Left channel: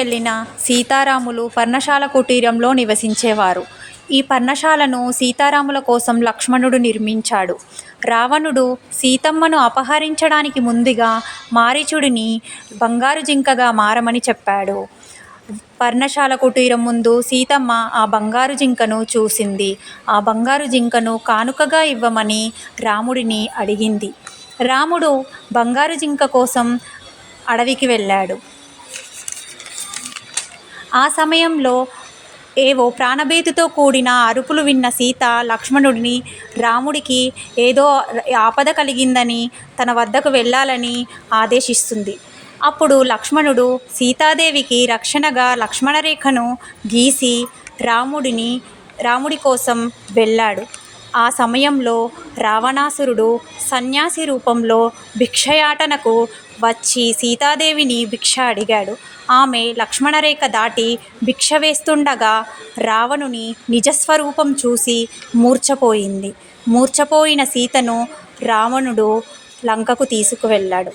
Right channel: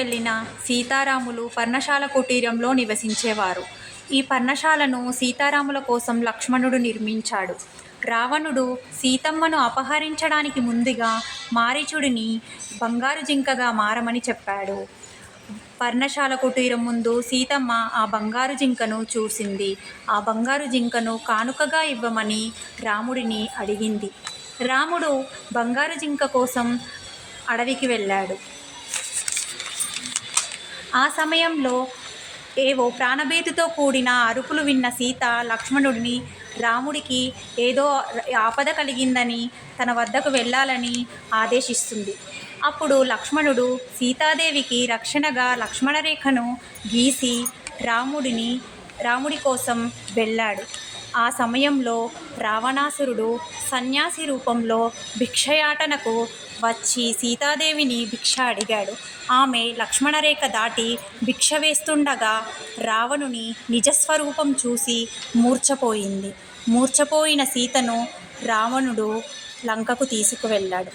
వెళ్ళిన సీతారాములు పర్ణశాల కుటీరంలో నివసించేవారు. ఈ పర్ణశాలను సీతారాముల కోసం లక్ష్మణుడు నిర్మించాడు. రావణుడు సీతమ్మను అపహరించడానికి ముందుగా మారీచుడిని బంగారు జింకగా మారమని చెప్పాడు. పర్ణశాల కుటీరం ముందు సీతమ్మ ఆ బంగారు జింకను చూసింది. ఆ బంగారు జింకను కానుకగా ఇవ్వమని రాముడిని అడిగింది. రాముడు బంగారు జింక కోసం అడవికి వెళ్ళాడు. ఆ సమయంలో ఏవో ప్రాణభీతితో కూడిన అరుపులు విన్న సీత లక్ష్మణుడిని రాముడికి ఏదో ఆపద కలిగిందని తన వద్దకు వెళ్ళాలని ఆదేశిస్తుంది. అప్పుడు లక్ష్మణుడు సీతాదేవికి రక్షణగా లక్ష్మణరేఖను గీసి రాముడి కోసం వెళ్ళాడు. ఆ సమయంలో రావణాసురుడు సన్యాసి రూపంలో భిక్షయాటనకు వచ్చి సీతాదేవిని భిక్ష అడిగాడు. ఆమె లక్ష్మణరేఖ దాటి భిక్ష వేస్తుండగా రావణుని నిజస్వరూపం చూసి మూర్ఛపోయింది. మూర్ఛపోయిన సీతను రావణుడు లంకకు తీసుకువెళ్ళాడు.